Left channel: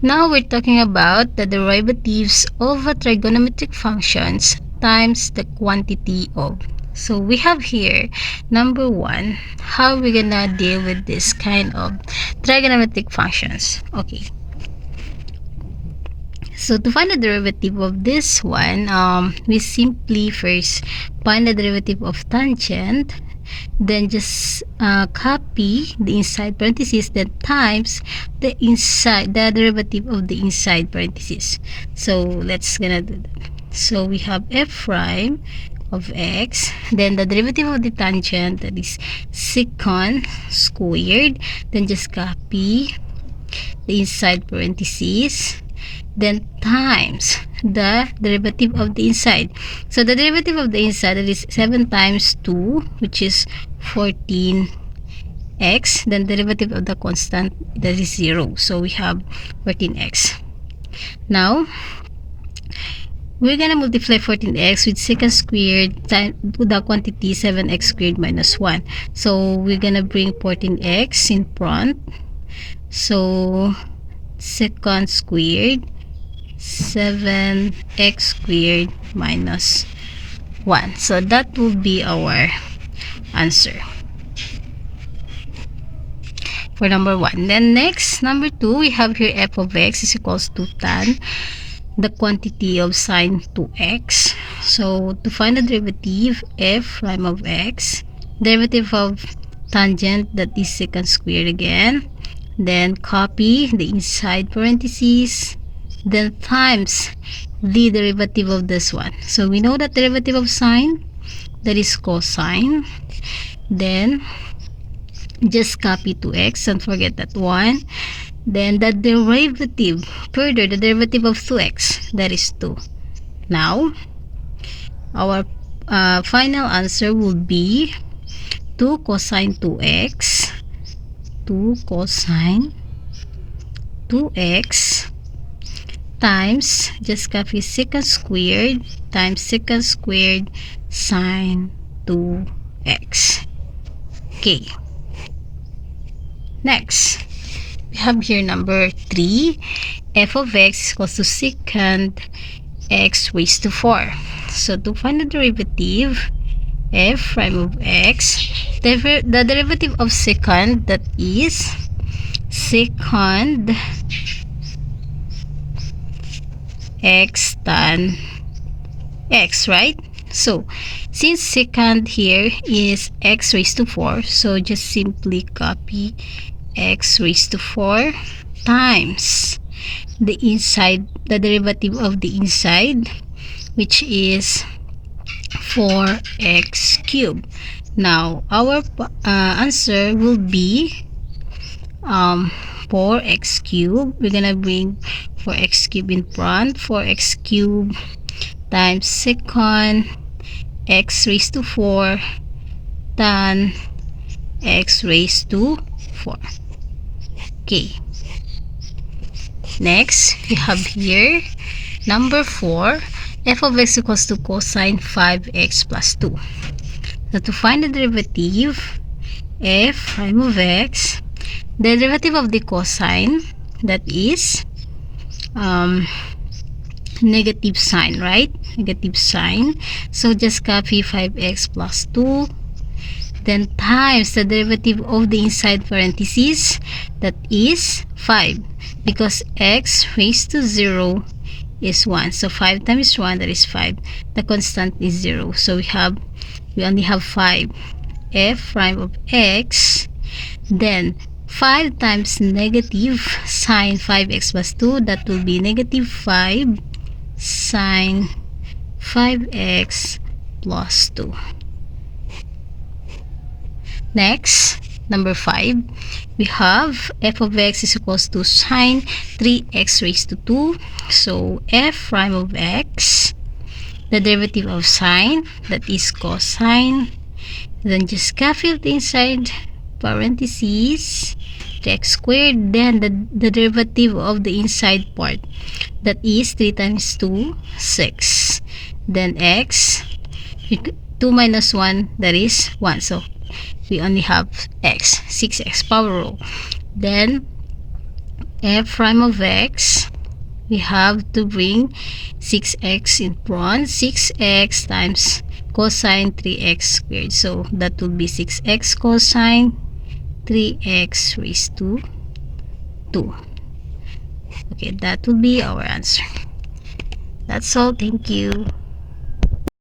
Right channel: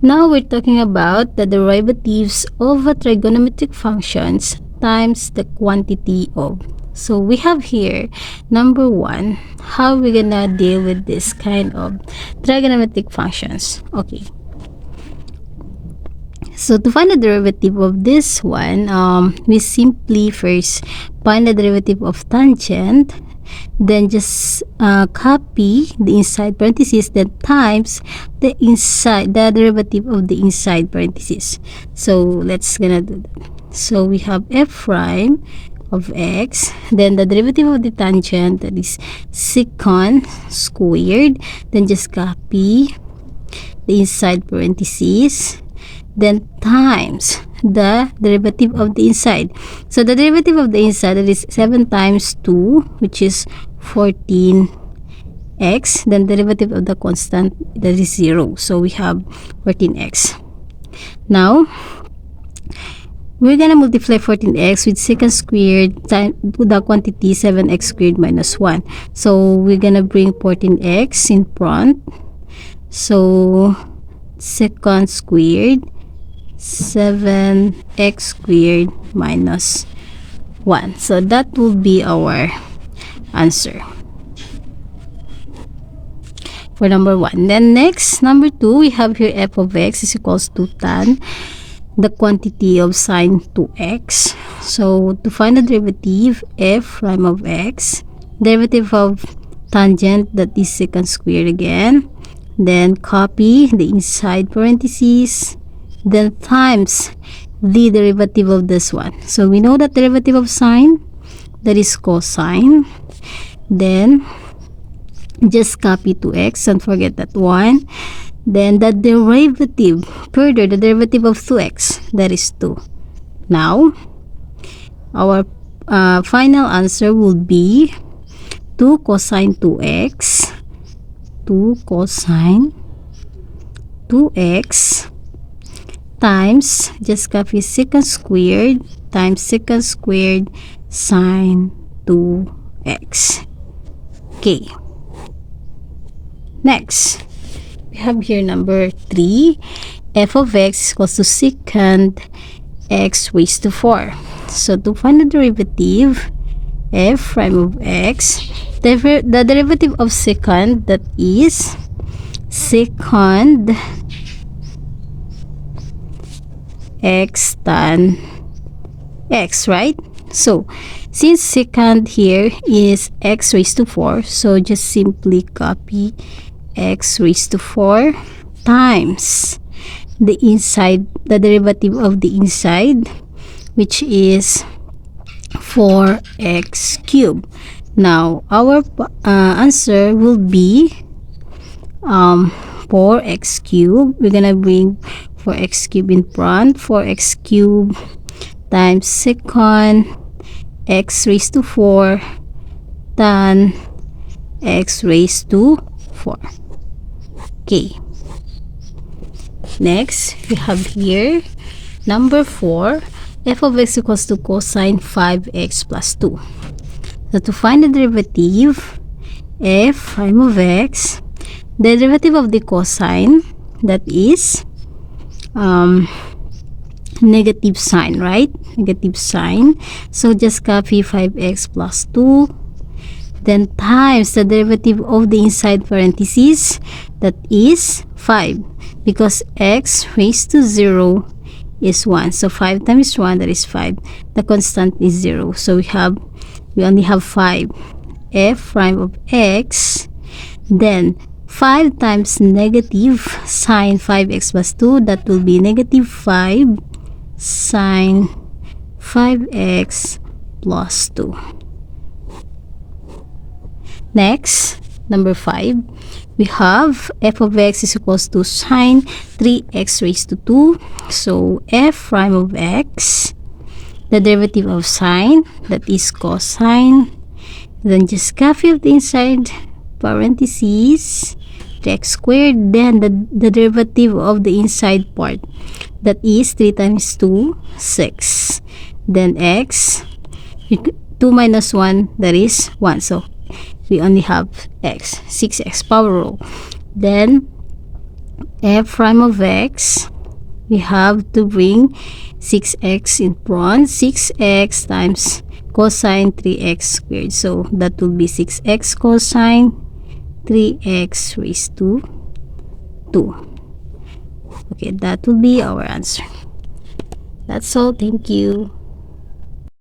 Now we're talking about the derivatives of a trigonometric functions times the quantity of. So we have here number 1, how we're gonna deal with this kind of trigonometric functions. Okay. So to find the derivative of this one, we simply first find the derivative of tangent, then just copy the inside parentheses, then times the derivative of the inside parentheses. So let's gonna do that. So we have f prime of x, then the derivative of the tangent, that is secant squared, then just copy the inside parentheses, then times the derivative of the inside. So the derivative of the inside, that is 7 times 2, which is 14x. Then derivative of the constant, that is 0. So we have 14x. Now we're gonna multiply 14x with secant squared times the quantity 7x squared minus 1. So we're gonna bring 14x in front. So secant squared 7x squared minus 1. So that will be our answer for number 1. Then next, number 2, we have here f of x is equals to tan the quantity of sine 2x. So to find the derivative, f prime of x, derivative of tangent, that is secant squared again, then copy the inside parentheses, then times the derivative of this one. So we know that derivative of sine, that is cosine, then just copy 2x, don't forget that one, then the derivative, further the derivative of 2x, that is 2. Now our final answer will be 2 cosine 2x, 2 cosine 2x times, just copy secant squared times secant squared sine 2x. Okay. Next, we have here number 3, f of x equals to secant x raised to 4. So to find the derivative, f prime of x, the derivative of secant, that is secant x tan x, right? So since secant here is x raised to 4, so just simply copy x raised to 4 times the inside, the derivative of the inside, which is 4x cubed. Now our answer will be 4x cubed. We're gonna bring 4x cubed in front, 4x cubed times secant x raised to 4 tan x raised to 4. Okay. Next, we have here number 4, f of x equals to cosine 5x plus 2. So to find the derivative, f prime of x, the derivative of the cosine, that is negative sign, right? Negative sign. So just copy 5x plus 2, then times the derivative of the inside parentheses, that is 5, because x raised to 0 is 1. So 5 times 1, that is 5. The constant is 0. So we only have 5. F prime of x, then 5 times negative sine 5x plus 2, that will be negative 5 sine 5x plus 2. Next, number 5, we have f of x is equals to sine 3x raised to 2. So f prime of x, the derivative of sine, that is cosine, then just copy the inside parentheses, x squared, then the derivative of the inside part, that is 3 times 2, 6, then x, 2 minus 1, that is 1. So, we only have x, 6x power rule. Then, f prime of x, we have to bring 6x in front. 6x times cosine 3x squared. So that will be 6x cosine 3x raised to 2. Okay, that will be our answer. That's all. Thank you.